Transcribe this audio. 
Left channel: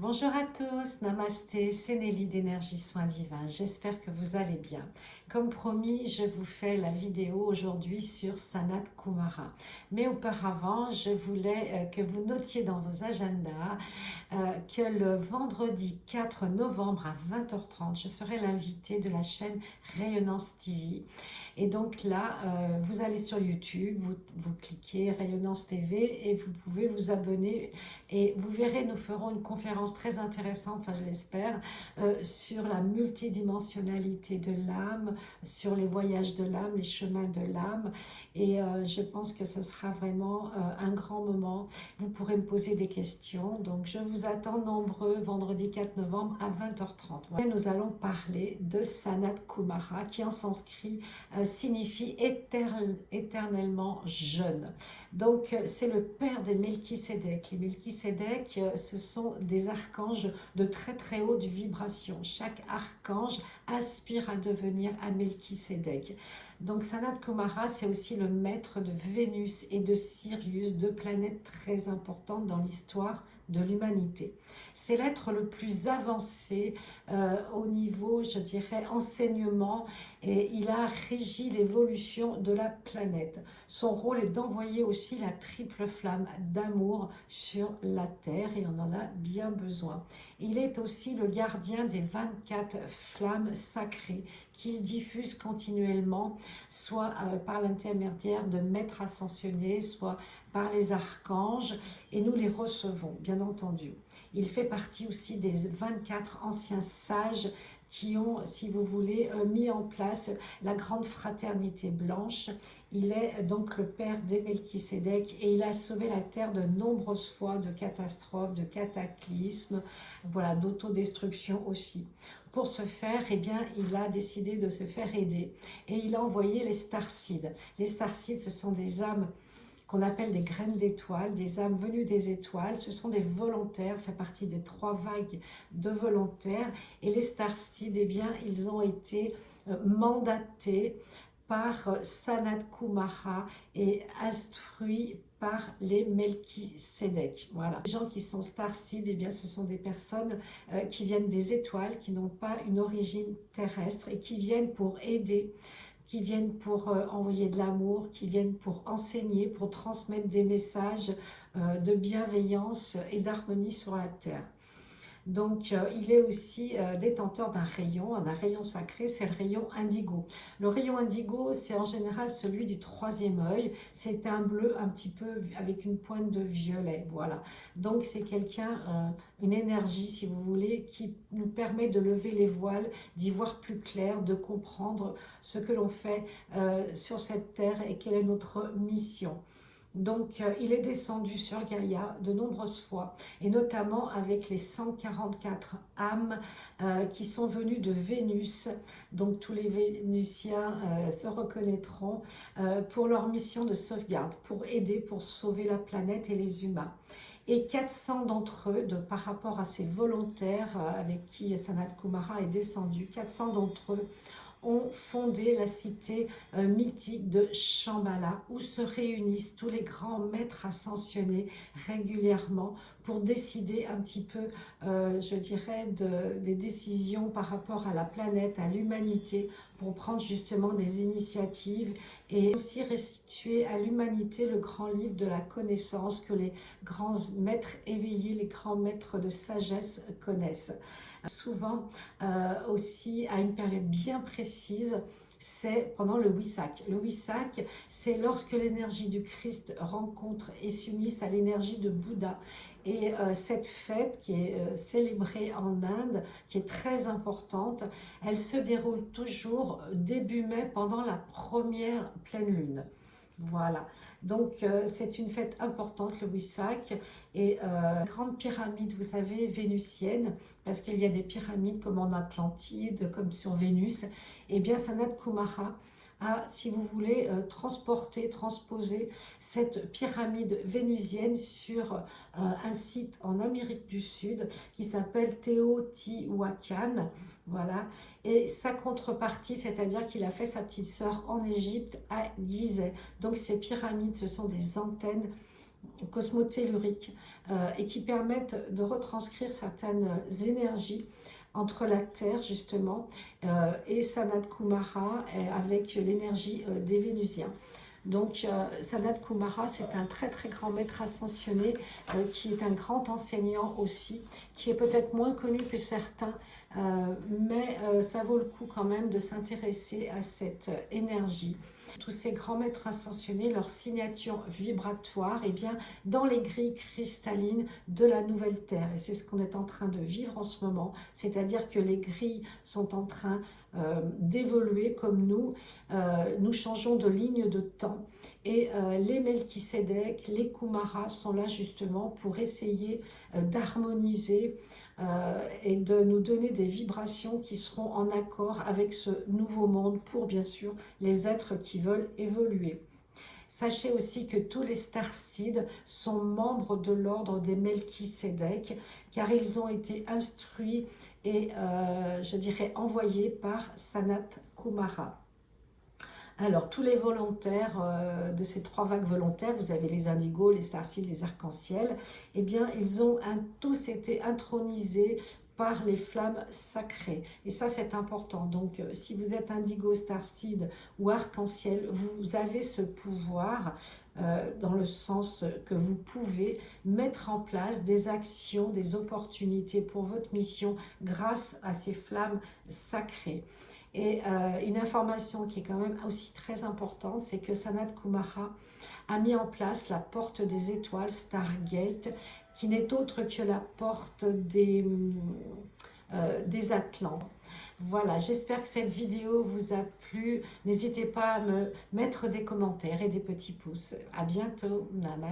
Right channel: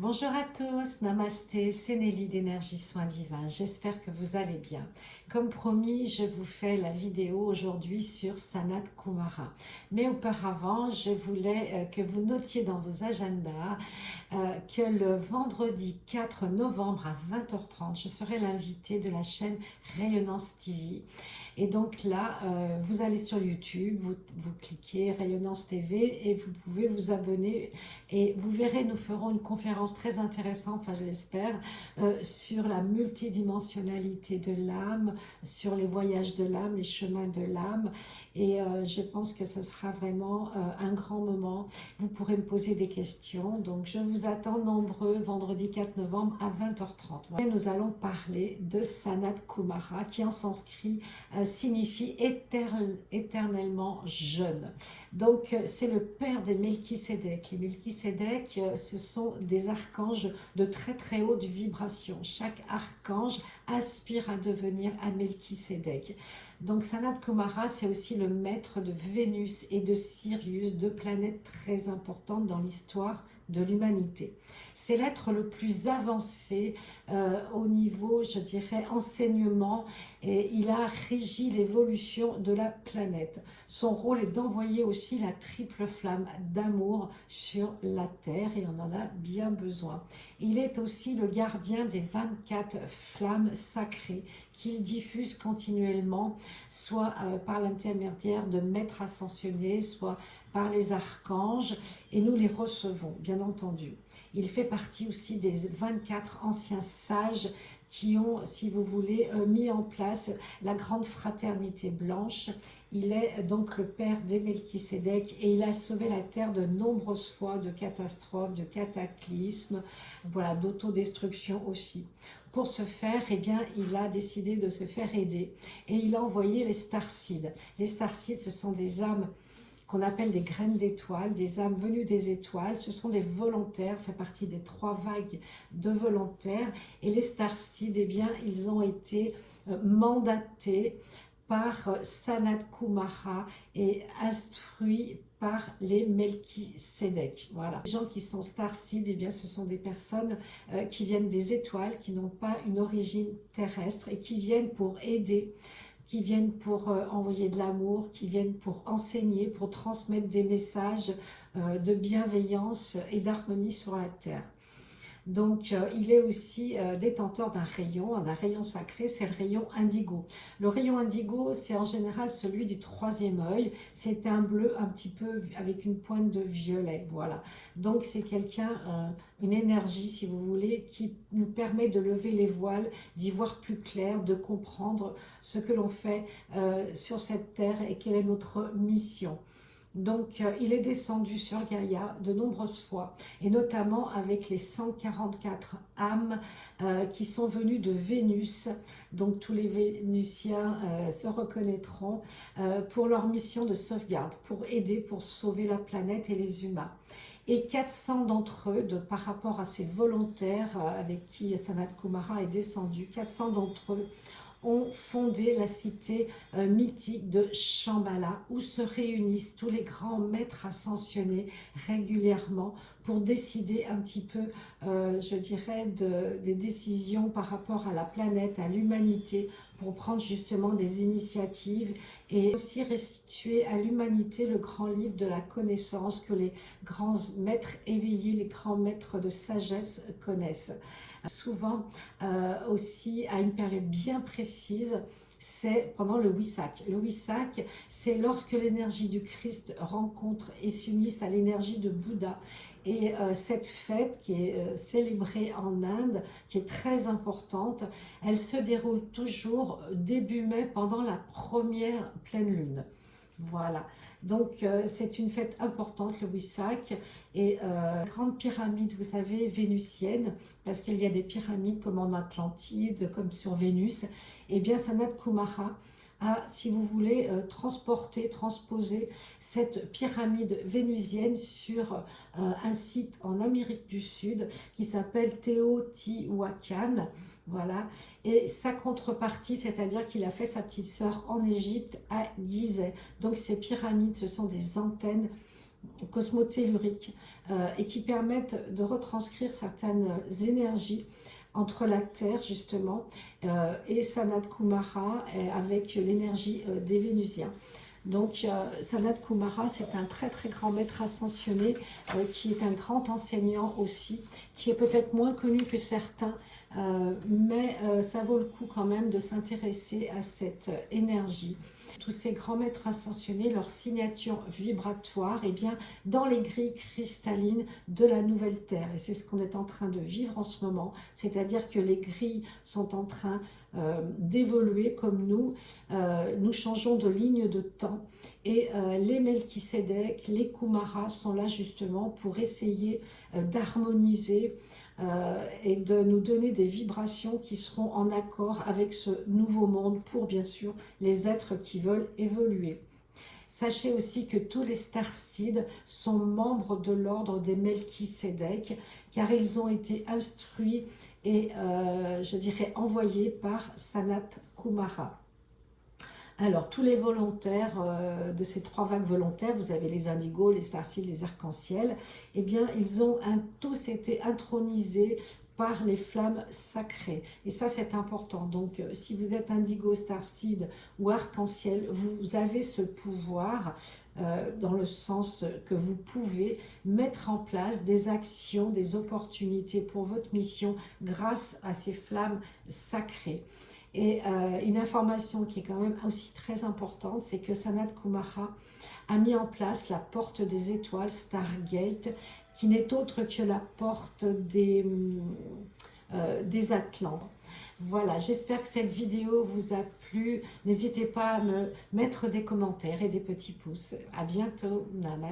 Bonjour à tous, namasté, c'est Nelly d'Énergie Soins Divins, j'espère que vous allez bien. Comme promis, je vous fais la vidéo aujourd'hui sur Sanat Kumara. Mais auparavant, je voulais que vous notiez dans vos agendas que le vendredi 4 novembre à 20h30, je serai l'invité de la chaîne Rayonnance TV. Et donc là, vous allez sur YouTube, vous cliquez Rayonnance TV et vous pouvez vous abonner. Et vous verrez, nous ferons une conférence très intéressante, enfin je l'espère, sur la multidimensionnalité de l'âme, sur les voyages de l'âme, les chemins de l'âme. Et je pense que ce sera vraiment un grand moment. Vous pourrez me poser des questions. Donc je vous attends nombreux vendredi 4 novembre à 20h30. Et nous allons parler de Sanat Kumara qui en sanskrit signifie éternellement jeune. Donc c'est le père des Melchisédek. Les Melchisédek, ce sont des archanges de très très haute vibration. Chaque archange aspire à devenir un Melchisédek. Donc Sanat Kumara, c'est aussi le maître de Vénus et de Sirius, deux planètes très importantes dans l'histoire de l'humanité. C'est l'être le plus avancé au niveau, je dirais, enseignement, et il a régi l'évolution de la planète. Son rôle est d'envoyer aussi la triple flamme d'amour sur la Terre, et on en a bien besoin. Il est aussi le gardien des 24 flammes sacrées qu'il diffuse continuellement, soit par l'intermédiaire de maîtres ascensionnés, soit par les archanges, et nous les recevons, bien entendu. Il fait partie aussi des 24 anciens sages qui ont, si vous voulez, mis en place la grande fraternité blanche. Il est donc le père des Melchisédek et il a sauvé la terre de nombreuses fois de catastrophes, de cataclysmes, voilà, d'autodestruction aussi. Pour ce faire, eh bien, il a décidé de se faire aider et il a envoyé les starseeds. Les starseeds, ce sont des âmes qu'on appelle des graines d'étoiles, des âmes venues des étoiles. Ce sont des volontaires, fait partie des 3 vagues de volontaires. Et les starseeds, eh bien, ils ont été mandatés par Sanat Kumara et instruits par les Melchisédek. Voilà. Les gens qui sont starseeds, eh bien, ce sont des personnes qui viennent des étoiles, qui n'ont pas une origine terrestre et qui viennent pour aider, qui viennent pour envoyer de l'amour, qui viennent pour enseigner, pour transmettre des messages de bienveillance et d'harmonie sur la Terre. Donc, il est aussi détenteur d'un rayon sacré, c'est le rayon indigo. Le rayon indigo, c'est en général celui du 3e œil. C'est un bleu un petit peu avec une pointe de violet, voilà. Donc, c'est quelqu'un, une énergie, si vous voulez, qui nous permet de lever les voiles, d'y voir plus clair, de comprendre ce que l'on fait sur cette terre et quelle est notre mission. Donc, il est descendu sur Gaïa de nombreuses fois, et notamment avec les 144 âmes qui sont venues de Vénus. Donc, tous les Vénusiens se reconnaîtront pour leur mission de sauvegarde, pour aider, pour sauver la planète et les humains. Et 400 d'entre eux, par rapport à ces volontaires avec qui Sanat Kumara est descendu, 400 d'entre eux ont fondé la cité mythique de Shambhala, où se réunissent tous les grands maîtres ascensionnés régulièrement pour décider un petit peu, je dirais, des décisions par rapport à la planète, à l'humanité, pour prendre justement des initiatives et aussi restituer à l'humanité le grand livre de la connaissance que les grands maîtres éveillés, les grands maîtres de sagesse connaissent. Souvent aussi à une période bien précise, c'est pendant le Waisak. Le Waisak, c'est lorsque l'énergie du Christ rencontre et s'unisse à l'énergie de Bouddha. Et cette fête qui est célébrée en Inde, qui est très importante, elle se déroule toujours début mai pendant la première pleine lune. Voilà, donc c'est une fête importante, le Waisak, et la grande pyramide, vous savez, vénusienne, parce qu'il y a des pyramides comme en Atlantide, comme sur Vénus, et bien Sanat Kumara a, si vous voulez, transposé cette pyramide vénusienne sur un site en Amérique du Sud qui s'appelle Teotihuacan. Voilà, et sa contrepartie, c'est-à-dire qu'il a fait sa petite sœur en Égypte, à Gizeh. Donc ces pyramides, ce sont des antennes cosmotelluriques et qui permettent de retranscrire certaines énergies entre la Terre justement et Sanat Kumara avec l'énergie des Vénusiens. Donc Sanat Kumara, c'est un très très grand maître ascensionné qui est un grand enseignant aussi, qui est peut-être moins connu que certains, mais ça vaut le coup quand même de s'intéresser à cette énergie. Tous ces grands maîtres ascensionnés, leur signature vibratoire est bien dans les grilles cristallines de la nouvelle Terre. Et c'est ce qu'on est en train de vivre en ce moment, c'est-à-dire que les grilles sont en train d'évoluer comme nous. Nous changeons de ligne de temps et les Melchisédek, les Kumaras sont là justement pour essayer d'harmoniser et de nous donner des vibrations qui seront en accord avec ce nouveau monde pour bien sûr les êtres qui veulent évoluer. Sachez aussi que tous les starseeds sont membres de l'ordre des Melchisédek car ils ont été instruits et je dirais envoyés par Sanat Kumara. Alors, tous les volontaires de ces 3 vagues volontaires, vous avez les indigos, les starseeds, les arcs-en-ciel, eh bien, ils ont tous été intronisés par les flammes sacrées. Et ça, c'est important. Donc, si vous êtes indigo, starseed ou arc-en-ciel, vous avez ce pouvoir dans le sens que vous pouvez mettre en place des actions, des opportunités pour votre mission grâce à ces flammes sacrées. Et une information qui est quand même aussi très importante, c'est que Sanat Kumara a mis en place la porte des étoiles, Stargate, qui n'est autre que la porte des Atlantes. Voilà, j'espère que cette vidéo vous a plu. N'hésitez pas à me mettre des commentaires et des petits pouces. À bientôt. Namaste.